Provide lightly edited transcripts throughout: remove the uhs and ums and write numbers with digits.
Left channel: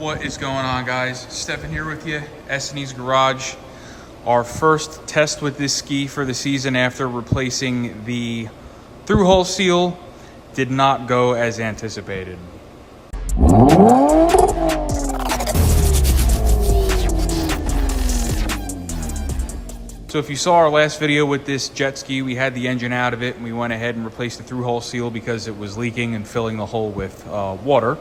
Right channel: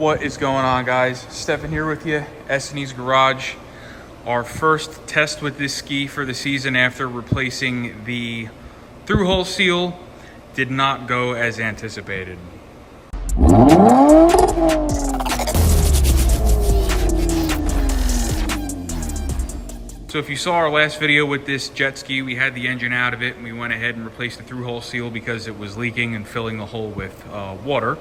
What is going on, guys? Stefan here with you, S&E's Garage. Our first test with this ski for the season after replacing the through-hole seal did not go as anticipated. So if you saw our last video with this jet ski, we had the engine out of it and we went ahead and replaced the through-hole seal because it was leaking and filling the hole with water.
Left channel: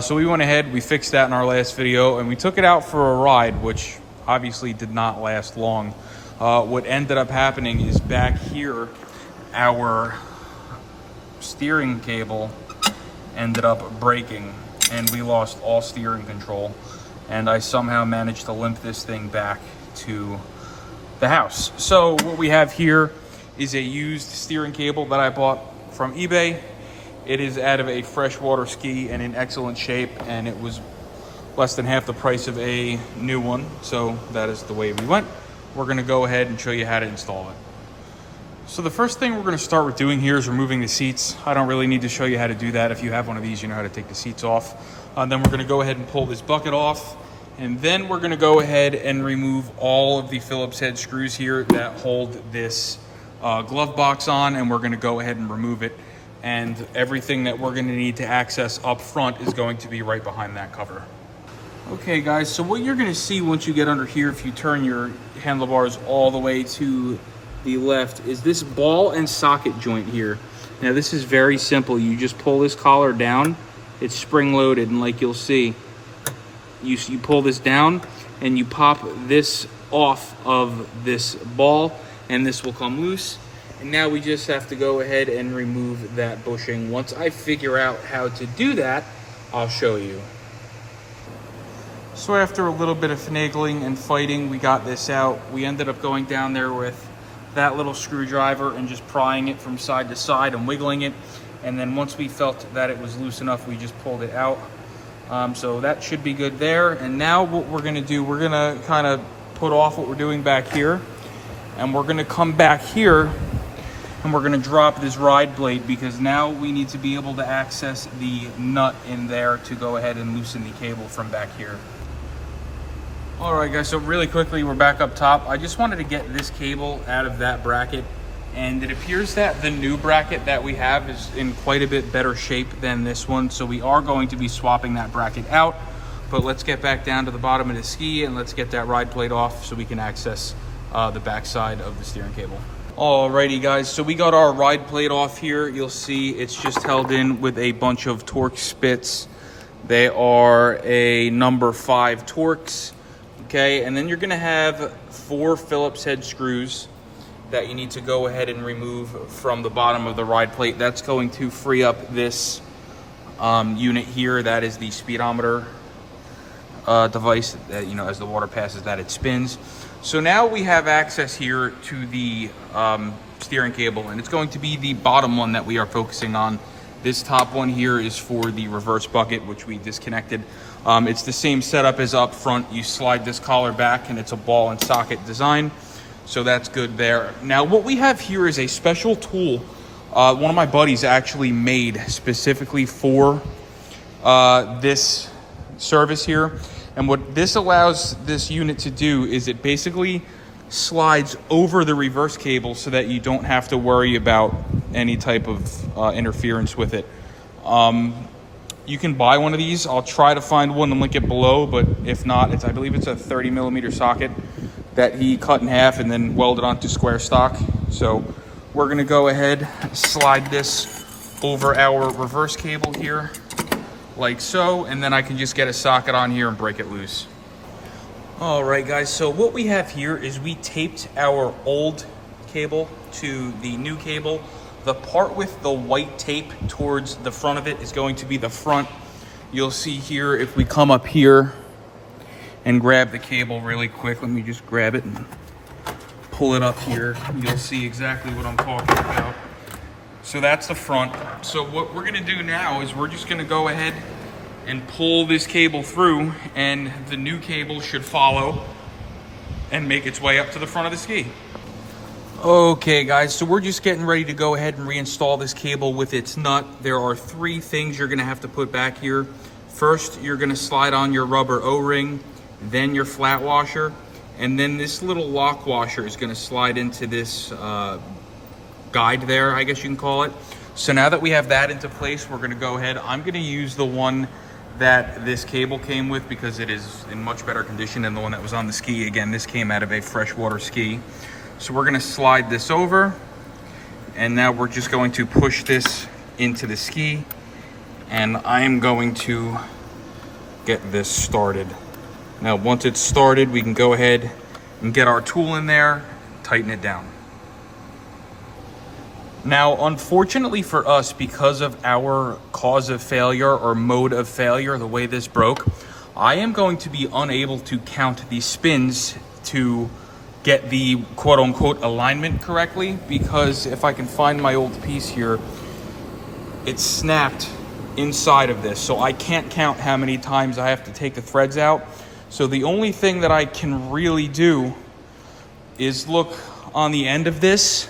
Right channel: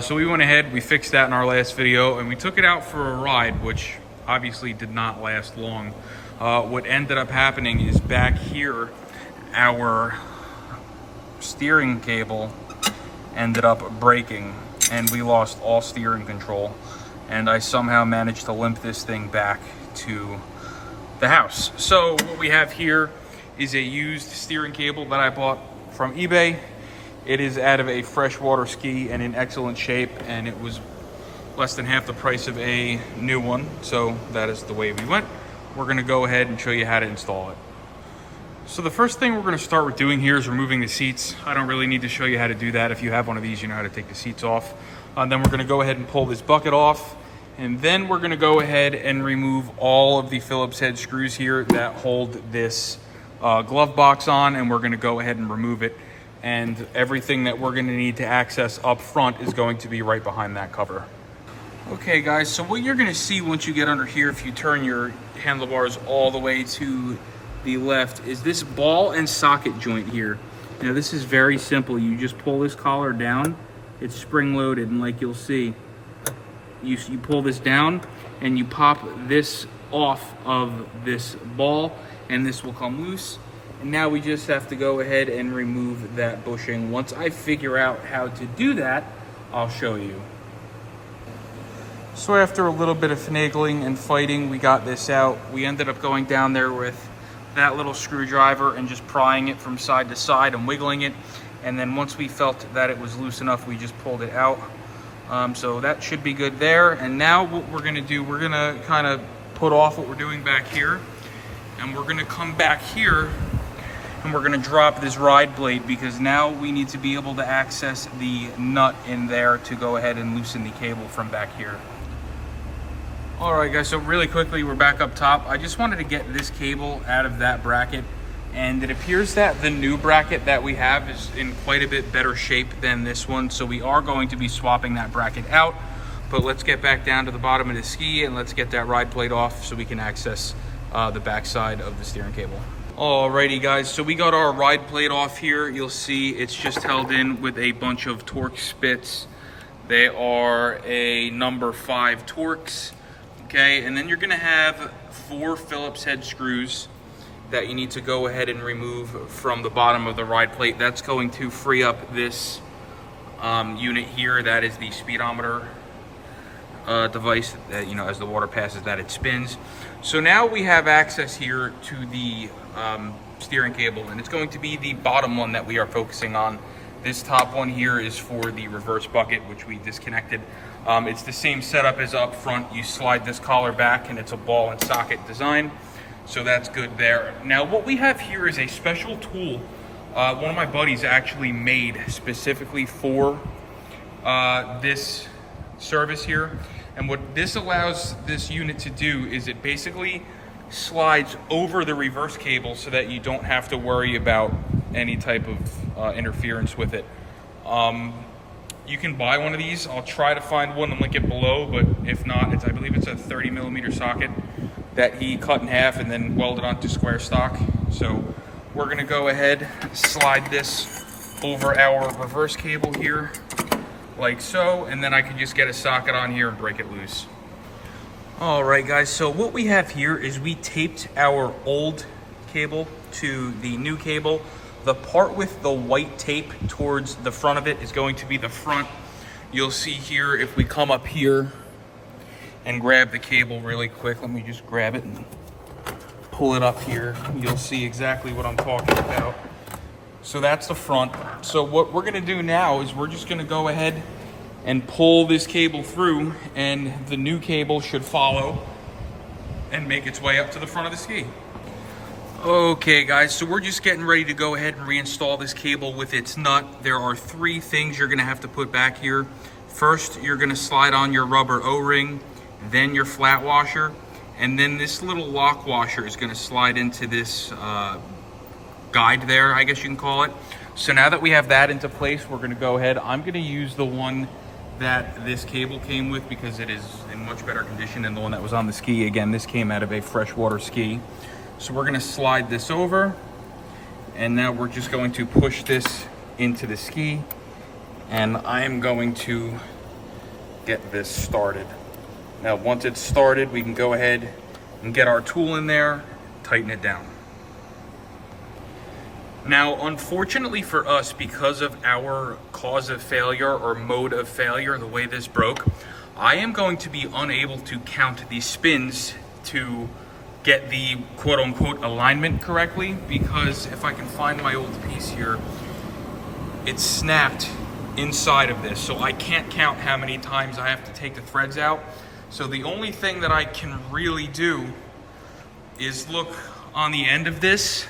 So we went ahead, we fixed that in our last video, and we took it out for a ride, which obviously did not last long. What ended up happening is back here, our steering cable ended up breaking, and we lost all steering control. And I somehow managed to limp this thing back to the house. So what we have here is a used steering cable that I bought from eBay. It is out of a freshwater ski and in excellent shape, and it was less than half the price of a new one. So that is the way we went. We're gonna go ahead and show you how to install it. So the first thing we're gonna start with doing here is removing the seats. I don't really need to show you how to do that. If you have one of these, you know how to take the seats off. Then we're gonna go ahead and pull this bucket off. And then we're gonna go ahead and remove all of the Phillips head screws here that hold this glove box on, and we're gonna go ahead and remove it. And everything that we're gonna need to access up front is going to be right behind that cover. Okay guys, so what you're gonna see once you get under here, if you turn your handlebars all the way to the left, is this ball and socket joint here. Now this is very simple. You just pull this collar down, it's spring loaded, and like you'll see, you pull this down and you pop this off of this ball and this will come loose. And now we just have to go ahead and remove that bushing. Once I figure out how to do that, I'll show you. So after a little bit of finagling and fighting, we got this out. We ended up going down there with that little screwdriver and just prying it from side to side and wiggling it. And then once we felt that it was loose enough, we just pulled it out. So that should be good there. And now what we're gonna do, we're gonna kind of put off what we're doing back here. And we're gonna come back here and we're gonna drop this ride plate, because now we need to be able to access the nut in there to go ahead and loosen the cable from back here. All right guys, so really quickly, we're back up top. I just wanted to get this cable out of that bracket, and it appears that the new bracket that we have is in quite a bit better shape than this one. So we are going to be swapping that bracket out, but let's get back down to the bottom of the ski and let's get that ride plate off so we can access the backside of the steering cable. Alrighty guys, so we got our ride plate off here. You'll see it's just held in with a bunch of Torx spits. They are a number 5 Torx, okay? And then you're gonna have 4 Phillips head screws that you need to go ahead and remove from the bottom of the ride plate. That's going to free up this unit here. That is the speedometer device that, you know, as the water passes that, it spins. So now we have access here to the steering cable, and it's going to be the bottom one that we are focusing on. This top one here is for the reverse bucket, which we disconnected. It's the same setup as up front. You slide this collar back and it's a ball and socket design. So that's good there. Now what we have here is a special tool. One of my buddies actually made specifically for this service here. And what this allows this unit to do is it basically slides over the reverse cable so that you don't have to worry about any type of interference with it. You can buy one of these. I'll try to find one and link it below, but if not, I believe it's a 30mm socket that he cut in half and then welded onto square stock. So we're gonna go ahead, slide this over our reverse cable here, like so, and then I can just get a socket on here and break it loose. All right guys, so what we have here is we taped our old cable to the new cable. The part with the white tape towards the front of it is going to be the front. You'll see here, if we come up here and grab the cable really quick, let me just grab it and pull it up here. You'll see exactly what I'm talking about. So that's the front. So what we're gonna do now is we're just gonna go ahead and pull this cable through, and the new cable should follow and make its way up to the front of the ski. Okay guys, so we're just getting ready to go ahead and reinstall this cable with its nut. There are 3 things you're gonna have to put back here. First, you're gonna slide on your rubber O-ring, then your flat washer, and then this little lock washer is gonna slide into this guide there, I guess you can call it. So now that we have that into place, we're gonna go ahead. I'm gonna use the one that this cable came with because it is in much better condition than the one that was on the ski. Again, this came out of a freshwater ski. So we're gonna slide this over, and now we're just going to push this into the ski, and I'm going to get this started. Now, once it's started, we can go ahead and get our tool in there, tighten it down. Now, unfortunately for us, because of our cause of failure or mode of failure, the way this broke, I am going to be unable to count the spins to get the quote-unquote alignment correctly, because if I can find my old piece here, it's snapped inside of this, so I can't count how many times I have to take the threads out. So the only thing that I can really do is look on the end of this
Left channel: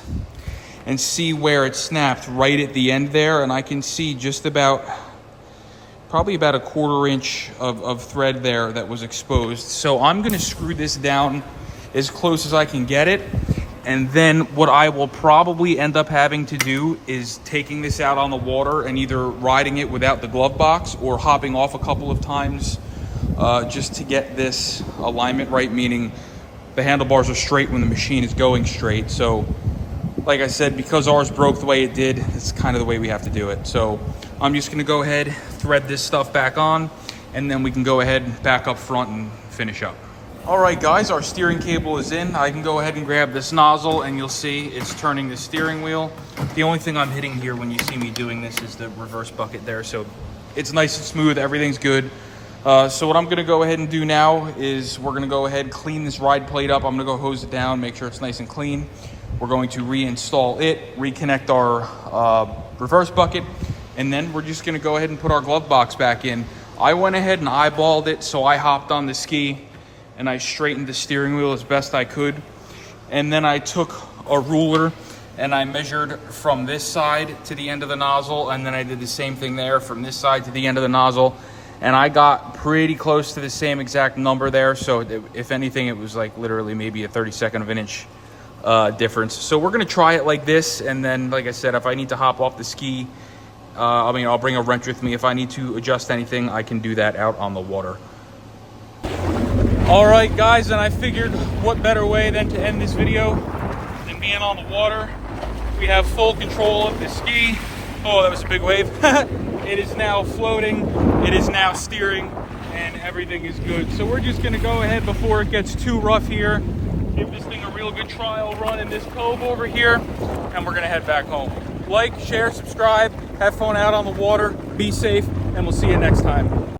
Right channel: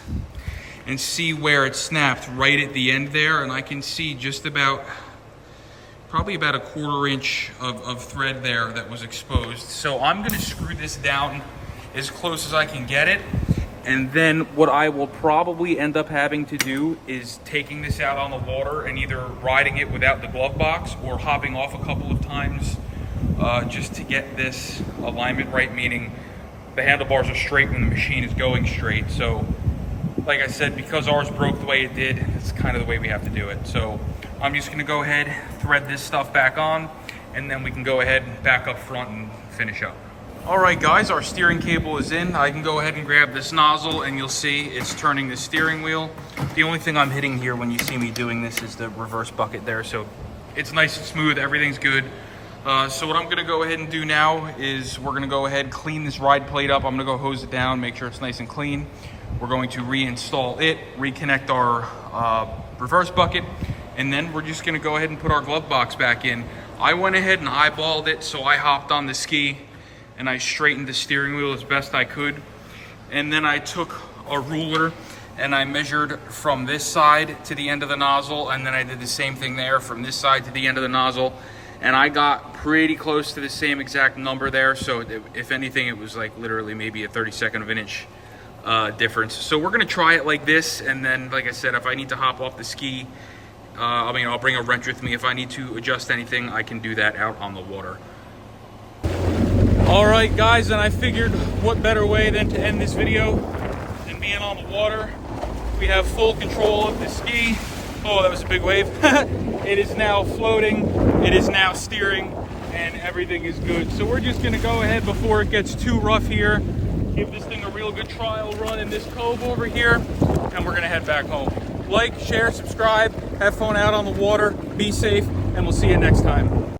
and see where it snapped right at the end there, and I can see just about, probably about a 1/4 inch of thread there that was exposed. So I'm gonna screw this down as close as I can get it, and then what I will probably end up having to do is taking this out on the water and either riding it without the glove box or hopping off a couple of times just to get this alignment right, meaning the handlebars are straight when the machine is going straight. So like I said, because ours broke the way it did, it's kind of the way we have to do it. So I'm just gonna go ahead, thread this stuff back on, and then we can go ahead and back up front and finish up. All right, guys, our steering cable is in. I can go ahead and grab this nozzle, and you'll see it's turning the steering wheel. The only thing I'm hitting here when you see me doing this is the reverse bucket there. So it's nice and smooth, everything's good. So what I'm gonna go ahead and do now is we're gonna go ahead, clean this ride plate up. I'm gonna go hose it down, make sure it's nice and clean. We're going to reinstall it, reconnect our reverse bucket, and then we're just gonna go ahead and put our glove box back in. I went ahead and eyeballed it, so I hopped on the ski and I straightened the steering wheel as best I could. And then I took a ruler and I measured from this side to the end of the nozzle, and then I did the same thing there from this side to the end of the nozzle. And I got pretty close to the same exact number there. So if anything, it was like literally maybe a 32nd of an inch difference. So we're gonna try it like this, and then like I said, if I need to hop off the ski, I'll bring a wrench with me. If I need to adjust anything, I can do that out on the water. All right, guys, and I figured what better way than to end this video than being on the water. We have full control of the ski. Oh, that was a big wave. It is now floating, it is now steering, and everything is good. So we're just gonna go ahead before it gets too rough here, give this thing a real good trial run in this cove over here, and we're gonna head back home. Like, share, subscribe, have fun out on the water, be safe, and we'll see you next time.